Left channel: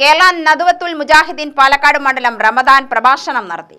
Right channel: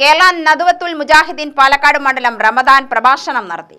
കേരള നദുവത്തുൽ മുജാഹിദീൻ പാലക്കാട് മണ്ഡലം റമദാൻ പ്രഭാഷണം നടത്തി.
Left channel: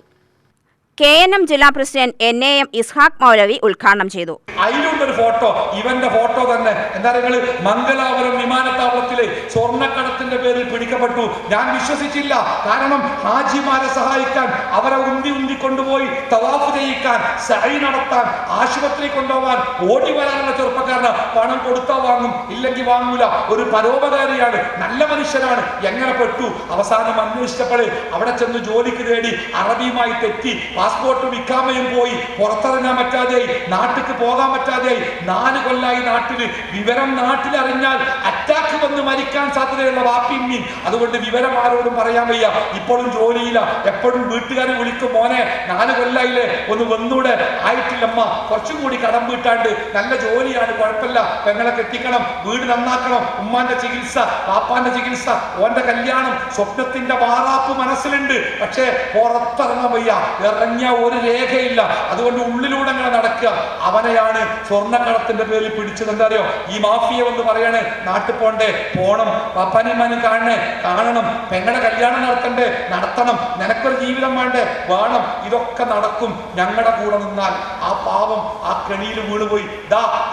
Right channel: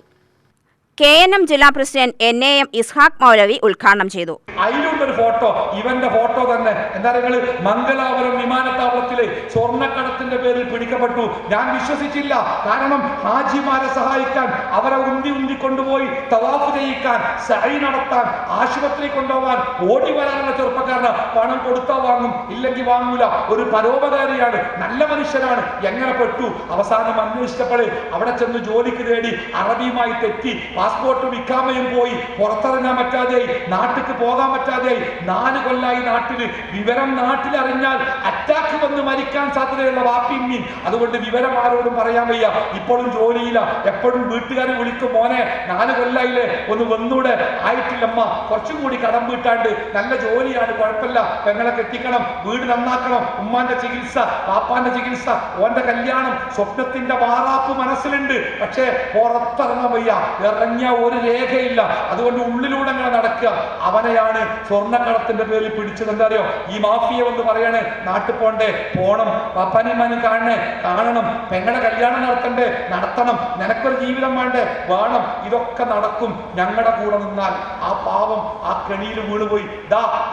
KNM ജില്ലാ പ്രസിഡന്റ് NAM ഇസ്ഹാഖ് മൗലവി ഉദ്ഘാടനം ചെയ്തു. അതിലുണ്ടൊരു ഫോട്ടോ, ഇവന്റെ ഫോട്ടോ തന്നെ. എന്താ നിങ്ങൾ മംഗലാപുരം വിമാനത്താവളത്തിലെ സ്വർണ്ണക്കടത്തിന്റെ പേരിൽ പിടിക്കപ്പെട്ടു. ഞാൻ വിശ്വസിച്ചില്ല. കാരണം ഹാജിമാരെ സഹായിക്കാൻ, അവരെ ഉന്തി കൊണ്ടുപോയി തവാഫ് ചെയ്യിക്കാൻ, സഅയ് നടത്താൻ, ആശുപത്രി കൊണ്ടുപോകാൻ, ഓടി വരാനുള്ള ചെറുപ്പക്കാരന് പണം കൊടുത്താൽ വാങ്ങും, ഇല്ലെങ്കിൽ വാങ്ങൂല. ഒരു പരോപകാരിയാണ്, നല്ല മനുഷ്യനാണ്. എങ്ങനെ പെട്ടു? അവസാനം അന്വേഷിച്ചപ്പോൾ അവിടെ ചെന്ന് ജോലിക്ക് തേടി അറബിയുമായി തെറ്റി പാസ്പോർട്ടും ഇക്കാമയും പോയി പുറത്തിറങ്ങാൻ പറ്റാതെയായി, നാട്ടിക്ക് പോകാൻ പറ്റാതെയായി. 4 കൊല്ലായി നാട്ടില്. വിവരം നാട്ടിലറിഞ്ഞാൽ അറ്റാക്ക് വന്ന് മരിക്കാൻ സാധ്യതയുള്ള വാപ്പിമ്മീൻ. അതുകൊണ്ട് വിവരം ആരോടും പറയാൻ വയ്യ. ഇപ്പോഴും ജോലിയില്ല. എപ്പോഴും വീട്ടുകാർ വിളിക്കും, മോനെ 4 കൊല്ലായില്ലേ, ഒന്ന് വന്നൂടെ? ആയിട്ടില്ലമ്മ, കുറച്ചും കൂടി കടം വീട്ടാണ്ട്. നല്ല ജോലിയാണ്, കുഴപ്പമില്ല. പെങ്ങളെ കെട്ടിക്കണം, വീട് നന്നാക്കണം, ഉമ്മാന്റെ ചികിത്സ, പാപ്പാന്റെ ചികിത്സ, ഓന്റെ കല്യാണം, സ്വപ്നത്തിന്റെ വാറാപ്പ് മനസ്സിലുണ്ട്. പക്ഷേ പുറത്തിറങ്ങാൻ വയ്യ, ഇറങ്ങിയ ഒരു രേഖയില്ല. അതുകൊണ്ട് ഉള്ളിലൂടെ അങ്ങനെ നടക്കുക. അവനെയാണ് സ്വർണ്ണക്കടത്തിന്റെ പേരിൽ പിടിച്ചത്. എന്താ അറിയോ? ഈ മാഫിയ എന്ന് പറയണേ, നാട്ടിൽ പോണ്ടേ, പോണം, പപ്പാനിമാനും കാണണം, പെങ്ങളുടെ കല്യാണം നടത്തണം, നിനക്കൊരു ജീവിതം വേണം. ഇതൊക്കെ നടക്കും ഞങ്ങളുടെ കൂടെ നിന്നാൽ. ആ പാവം ആ കെണിയിൽ വീണുപോയി.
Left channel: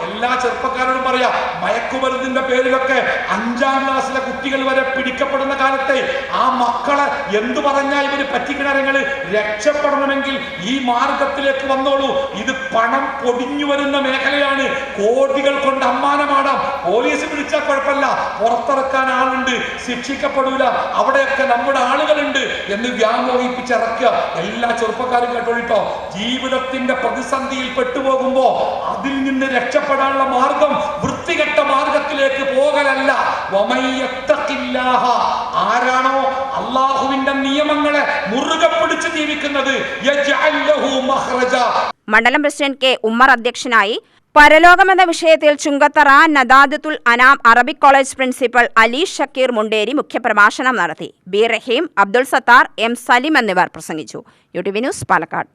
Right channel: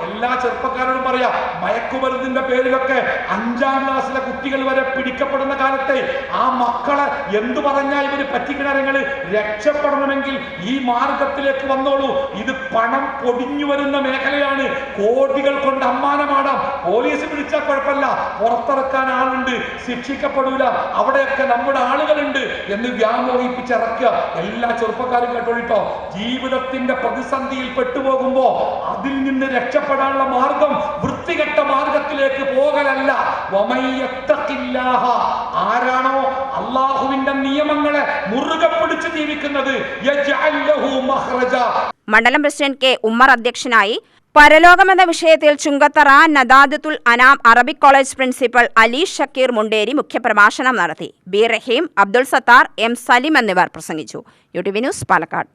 എല്ലാ ചെറുപ്പക്കാരോടും പറയാ, മയക്കുമരുന്നിന്റെ പേരിലൊക്കെ 5ാം ക്ലാസ്സിലെ കുട്ടികൾ വരെ പിടിക്കപ്പെടുന്ന കാലത്തെ ആ മക്കളെ എന്തു പറഞ്ഞാൽ ഇവര് പറ്റിക്കിണറങ്ങള് രക്ഷപ്പെടണമെങ്കിൽ ഈ മാർഗത്തിലേക്ക് വന്നോളൂ. ഇത് പണം പൊടിഞ്ഞു വരുന്ന മേഖലയാണ്. കോടികൾ കൊണ്ട് അമ്മാനമാടാം. പോലീസ് പിടിച്ചാൽ കുഴപ്പമില്ല, പുറത്തിറക്കാൻ ആളുണ്ട്, ശിക്ഷിക്കപ്പെടൂല, അവിടെയൊക്കെ നമ്മുടെ ആളുകളുണ്ട് എന്ന് വ്യാമോഹിപ്പിച്ചിറക്കുക. എല്ലാ ചെറുപ്പക്കാരും കേട്ടോളിട്ടോ, ജീവിതത്തിന്റെ പ്രതിസന്ധിയിൽ പെട്ടുപോകുമ്പോ അതിൽ നിന്ന് രക്ഷപ്പെടാനുള്ള മാർഗം വൃത്തികെട്ട മാർഗത്തിലേക്ക് പോകലല്ല. ആരാണോ അള്ളാഹുവിന്റെ നിയമങ്ങളെ മുറുകെ പിടിച്ച് ജീവിക്കുന്നത്, മണ്ഡലം പ്രസിഡന്റ് K. ഉമ്മർ അധ്യക്ഷനായി. പരലോകമെന്ന വിഷയത്തിൽ Chungathara Nadwathul Anam Arabic college principal Ali Shakeer Munderi മുഖ്യപ്രഭാഷണം നടത്തി. B. റഹീം, അബ്ദുൾ സത്താർ, M. സലിം എന്നിവർ പ്രസംഗിച്ചു. UTV news Palakkad.